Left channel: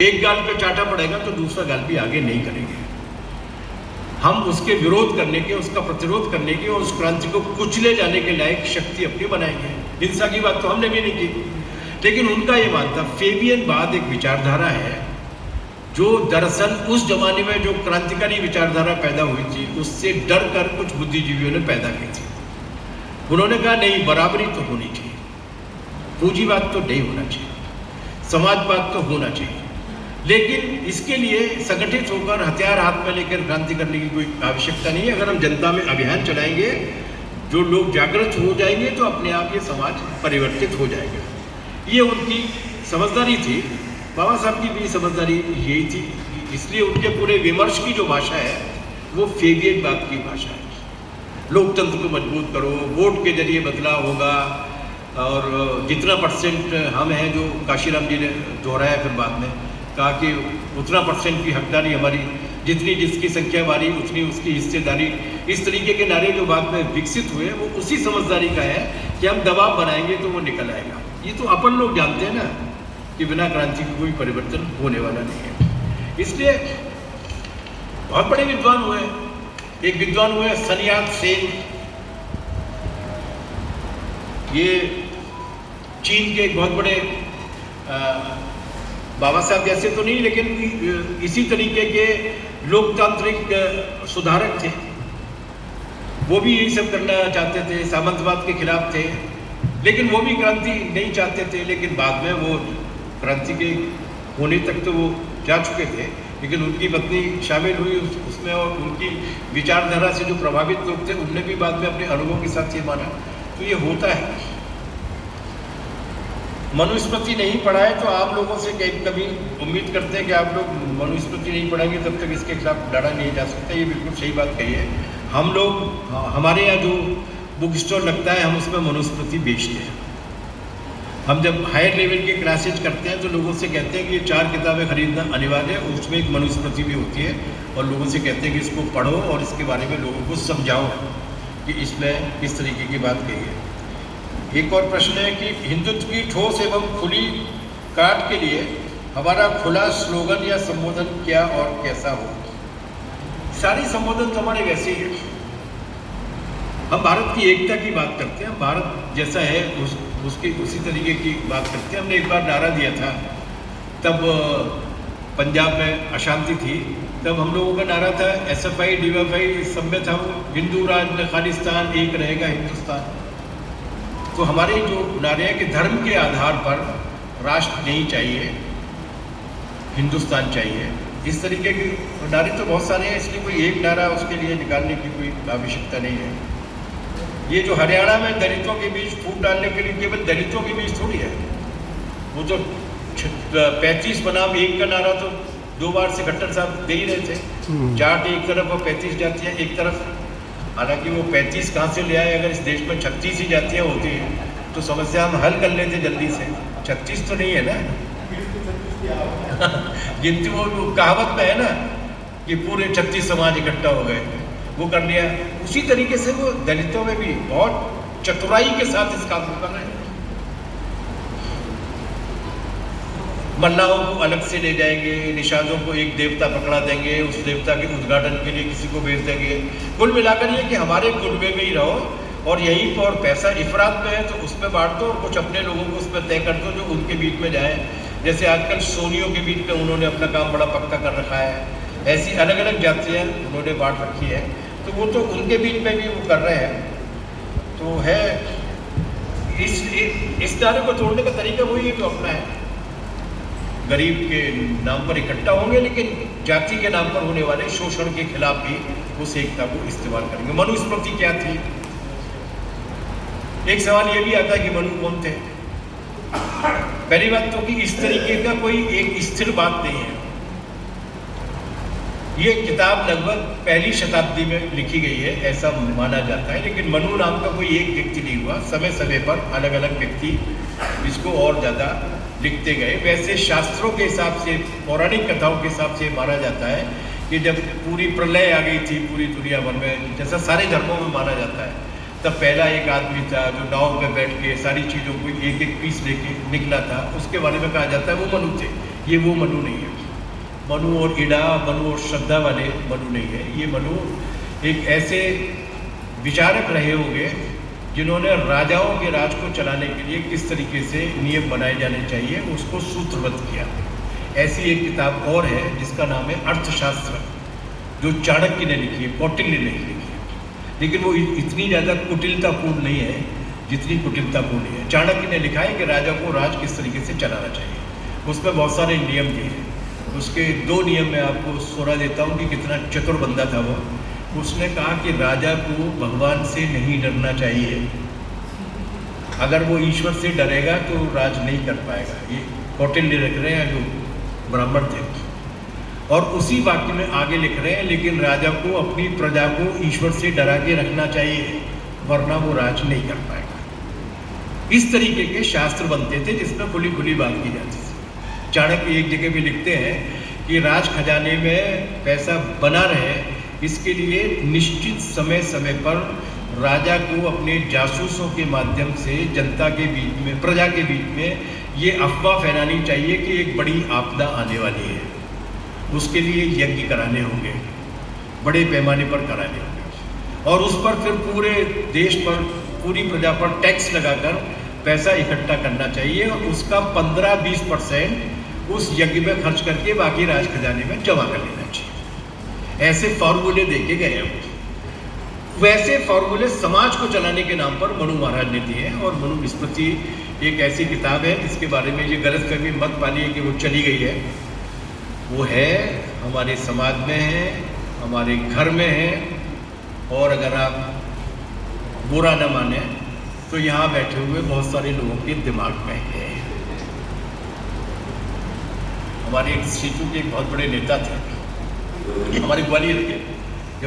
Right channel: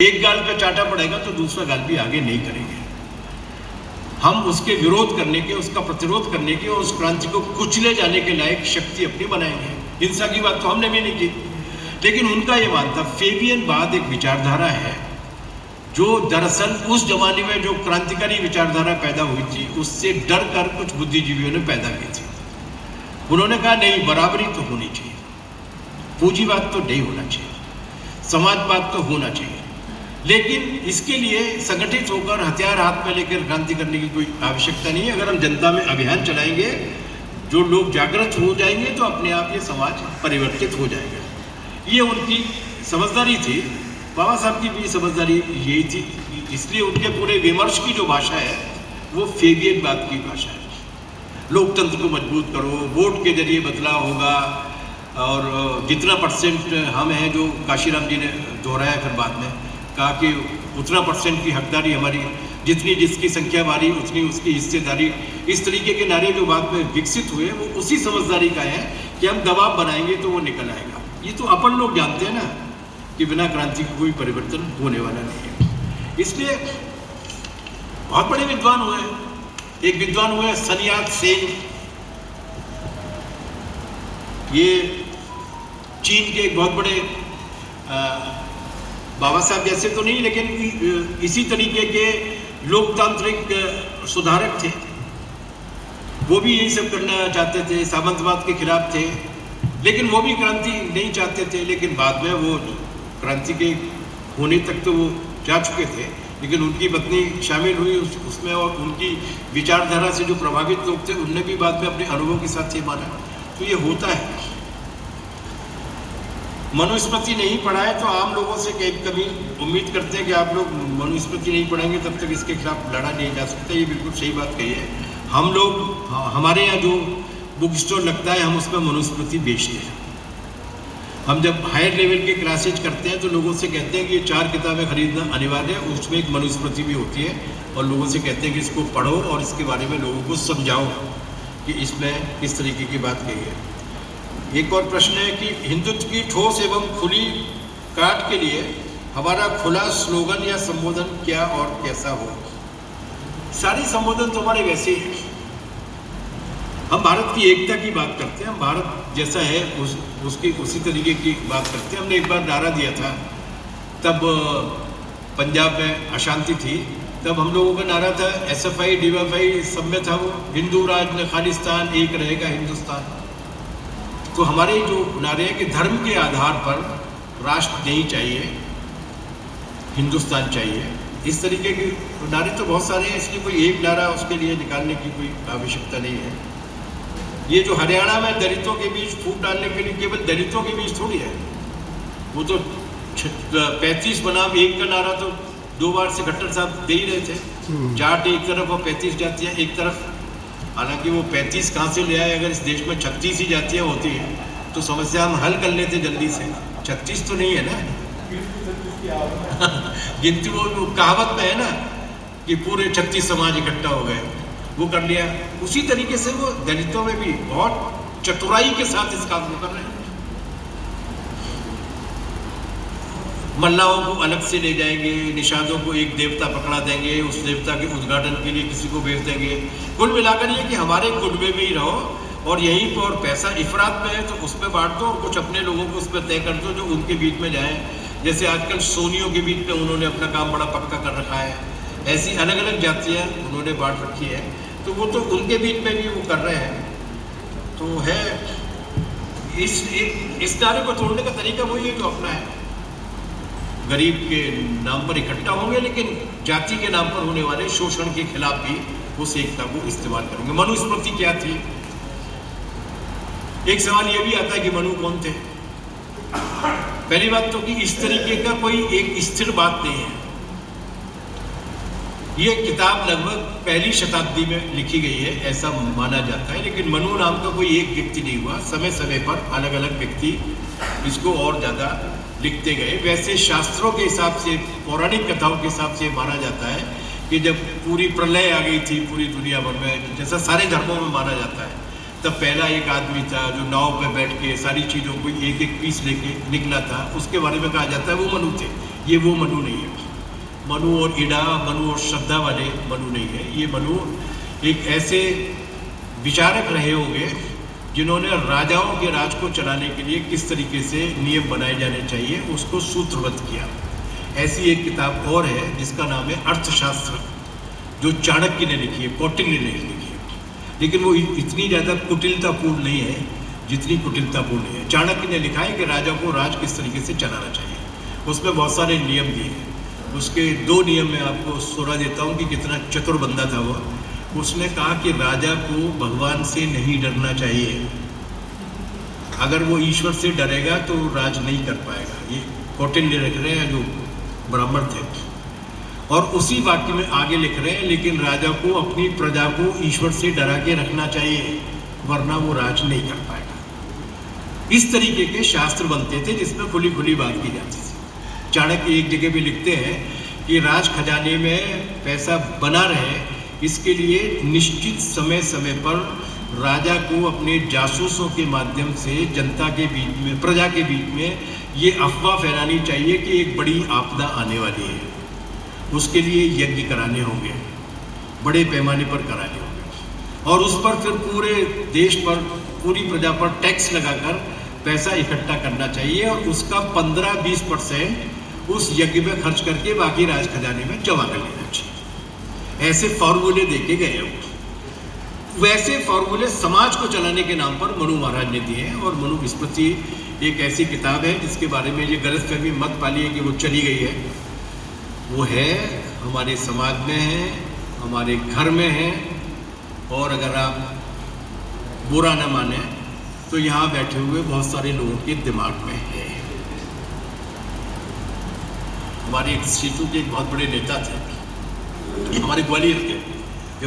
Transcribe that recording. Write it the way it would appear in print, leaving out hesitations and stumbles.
एक गाल पे चाटा पड़ेगा तो दूसरा गाल भी आगे नहीं करेंगे। हम उसके विरोध करने के, उसका प्रतिरोध करने के, उस क्रांति को कुचले जाने के लायक शक्ति अपनी बनाएंगे। हिंसा की बात तो हमने भी नहीं की, लेकिन उनका ये मानता फेबियनवाद एक विचारधारा है जो दरअसल उस जमाने में जो क्रांतिकारी विचारधारा पैदा हुई थी उससे डर कर कुछ बुद्धिजीवियों ने पैदा की थी। उन्होंने कहा नहीं, बराबरी तो होनी चाहिए, पूंजीवाद तो नहीं होना चाहिए, समाजवाद तो होना चाहिए, लेकिन इसके लिए संगठित होकर हथियार हाथ में लेकर क्रांति करने की कोई आवश्यकता नहीं है। अगर हम जनता में अभियान चलाएंगे, जो लोग जागृत हो जाएंगे तो अपने आप ये समाज परिवर्तित हो जाएगा। ये उनकी समझदारी थी। बाबा साहब की भी समझदारी यही थी, इसलिए उनके पूरे विमर्श की जो भाषा है वो फेबियनवाद की भाषा है। लोकतंत्र को मजबूत करो, वोट के जरिए बदलाव होगा, और जितना परसेंट हम हैं, जो काशीराम जी ने दोहराया फिर बाद में कहा कि उतना परसेंट की हकदारी हमारी, जितनी जिसकी संख्या बारी उतनी उसकी हिस्सेदारी। इस तरीके के नारे जो बाद में विकसित हुए वो उसी समझदारी का है कि हम दबाव बनाएंगे तो वो निकल आएगा। ये तो अपन लोग जानते हैं ना कि बिना क्रांति का कोई परिवर्तन होने वाला नहीं है। इसलिए बहुत बड़े विद्वान हुए। एक विद्वान हुए सन्यात सेन, ये चीन के एक बहुत बड़े बाबा साहब जैसे तो नहीं, लेकिन इसी तरीके के लोकतांत्रिक सुधारक थे। वो भी यही सब करना चाहते थे, सामंतवाद के खिलाफ थे, लेकिन वो भी क्रांति नहीं चाहते थे। लेकिन बाद में वो क्रांति के होने तक तो वो जा चुके थे, लेकिन उनकी पत्नी शामिल हुई उसमें, और उनकी विचारधारा से जो प्रभावित लोग थे उनने भी बाद में अपने अनुभव के साथ ये माना। तो ये होता है। मनुस्मृति नहीं पढ़ा है तो आम लोगों से कभी उम्मीद करते हैं कि आप लोग मनुस्मृति नहीं पढ़ेंगे तब तक इसके खिलाफ लड़ा नहीं जा सकता। ये बिल्कुल सही बात कही है। हम लोग, हमारे यहाँ जो बुक स्टोर लगता है हम उसमें मनुस्मृति बेचते हैं। हम जब हायर लेवल के क्लासेज करते हैं तो लोगों से कहते हैं कि ये 4 किताबें खरीदना अनिवार्य है, उसमें एक मनुस्मृति भी होती है, और लोगों से कहते हैं कि इसको पढ़ो और इसके बारे में लोगों को समझाओ कि इसमें किस तरीके की बात कही है। एक और प्रश्न है कि हिंदुत्व की ठोस एवं खुली काट के लिए हमारा खुला स्लोगन या संबोधन क्या और कैसा हो? सारे संबोधन तो हमारे वैसे ही हैं। हम भारत की एकता की बात करते हैं, हम भारत जैसा है उसकी उसी तरीके की बात करते हैं। हमने एक बार नारा दिया था, तब पंजाब में अशांति थी, तब हम लोगों का नारा था SFI DFI सब में था वो, हिंदू राज खालिस्तान, एक रहेगा हिंदुस्तान। तो हमारे जो नारे हैं कि धर्म के आधार पर राष्ट्र नहीं चाहिए, हिंदुस्तान चाहिए, इस तरीके के नारे तो बहुत सारे हैं, इसलिए कोई एक नारा उसके लिए निकालने की कोई आवश्यकता नहीं है। ये जो हरियाणा में दलितों के बीच फूट डालने के लिए केवल दलितों के बीच थोड़ी है, वो तो 35 बनाम 1 का नारा तो 2 बार से खट्टर साहब दे ही रहे थे। जाट एक तरफ और 35 जातियाँ एक तरफ। हालांकि वो 35 कहाँ से ले आए? अगर इस देश में 36 ही जातियाँ होती हैं तो समस्या हम हल कर लेते जल्दी से। 36 तो नहीं है ना गिनती वो कहावत में है ना कि पूरे 36 समाज इकट्ठा हो गए, वो कर लिया। उसी तरीके से वो दलितों में भी बहुत चतुराई के साथ इस काम को कर रहे हैं। मल्लाहों को अलग से ले जाएंगे, निषादों को एक देवता पकड़ा देंगे, उस देवता के उद्घाटन के लिए किसी को भेज देंगे। कुल मिलाकर ये कि हमारे कुनबे में ही रहो और यहीं पर, और पैसा इफरात में है तो उस पर बांट दो और कुछ अपने लोगों को उस पर तय कर दो जो उनके बीच में जाए। जैसे आजकल सोनियों के बीच में उन्होंने अपना काम बड़ा पक्का कर रखा है, ऐसी अलग अलग जातियाँ उन्होंने बांट रखी है, तो वो तो उनके बीच में भी वो कर रहे हैं। तो है इस नारे को तोड़ने का तरीका वही है जो अपना है। गरीब के नाम पर इकट्ठा होंगे, लेकिन जाति के नाम पर होने वाले शोषण के खिलाफ भी उस एकता को इस्तेमाल करेंगे। मनुस्मृति क्या थी? एक सवाल ये भी आता है कि मनु कौन थे? पहली बात तो कि इस तरीके का कोई एक स्थिर बात नहीं है। ये किताब लगभग पहली शताब्दी में लिखी गई है ऐसा माना जाता है, लेकिन मनु नाम का कोई एक व्यक्ति नहीं हुआ। समय समय पर अलग अलग व्यक्ति इसको और ज़्यादा लिखते गए। वैसे शास्त्रों के हिसाब से, पौराणिक कथाओं के हिसाब से माना जाता है कि जब पूरी प्रलय आ गई थी पूरी दुनिया भर में, जैसा सारे धर्मों में माना जाता है, तब पहला एक आदमी था जो नाव पर बैठ के सारी चीज़ों को एक एक पीस लेके निकला था, उसके बारे में कहा जाता है वो मनु थे। ये वो मनु नहीं है। मनु और इड़ा, मनु और श्रद्धा वाले मनु नहीं है। ये मनु एक ऐसे विचारक रहे होंगे जिन्होंने राजाओं के राज को चलाने के लिए किस तरीके से नियम बनाए जाने चाहिए उसको सूत्रबद्ध किया। ऐसी एक किताब और है जिसका नाम है अर्थशास्त्र, जो चाणक्य ने लिखी है, कौटिल्य ने लिखी है। लेकिन वो इतनी ज़्यादा कुटिलतापूर्ण नहीं है जितनी कुटिलतापूर्ण है। चाणक्य ने लिखा है कि राजा को राज किस तरीके से चलाना चाहिए। उसमें बहुत सारे नियम दिए हैं। उसके 2 नियम मैं आपको सुना देता हूँ कि कितना चतुर बंदा था वो। उसने कहा कि राजा को भगवान से नहीं डरना चाहिए। अगर वो ईश्वर से डरेगा तो राज नहीं कर पाएगा। ये कौटिल्य लिख रहे हैं जो ब्राह्मण थे। और उसी वाक्य में आगे लिख रहे हैं, लेकिन राजा को अपनी प्रजा को ईश्वर से डरा के रखना चाहिए, वरना वो राज नहीं कर पाएगा। इस तरीके के शास्त्र बनते थे जिसमें खुली खुली बात की जाती थी। चाणक्य एक जगह भी लिखते हैं कि राज खजाने में पैसा बना रहे, इसके लिए निश्चित समय समय पर राजा को अपने जासूसों के माध्यम से जनता के बीच में, प्रजा के बीच में ये अफवाह फैलानी चाहिए कि एक बड़ी आपदा आने वाली है। उसके लिए यज्ञ कराने होंगे, बड़े पैमाने पर कराने होंगे, और उस पर फिर पूरे देश पर, पूरी प्रजा पर टैक्स लगाकर पैसा इकट्ठा करना चाहिए और उसका 15-20% उस यज्ञ में खर्च करके बाकी राज खजाने में जमा कर लेना चाहिए। ऐसे फॉर्मूले देके गए हैं। वैसे फॉर्मूले समाज को चलाने के नाम पर मनु महाराज ने दिए हैं। और मनुस्मृति एक ऐसी किताब है जिसके बारे में ये गलतफहमी मत पालिए कि वो चली गई है। वो है, हमारे समाज में है, हमारे घर में है, और अगर आप बुरा न माने तो यहाँ बैठे हुए बहुत सारे लोगों के दिमाग में है। हमारे एक सीटू के बहुत बड़े नेता थे, ये हमारे ग्वालियर के,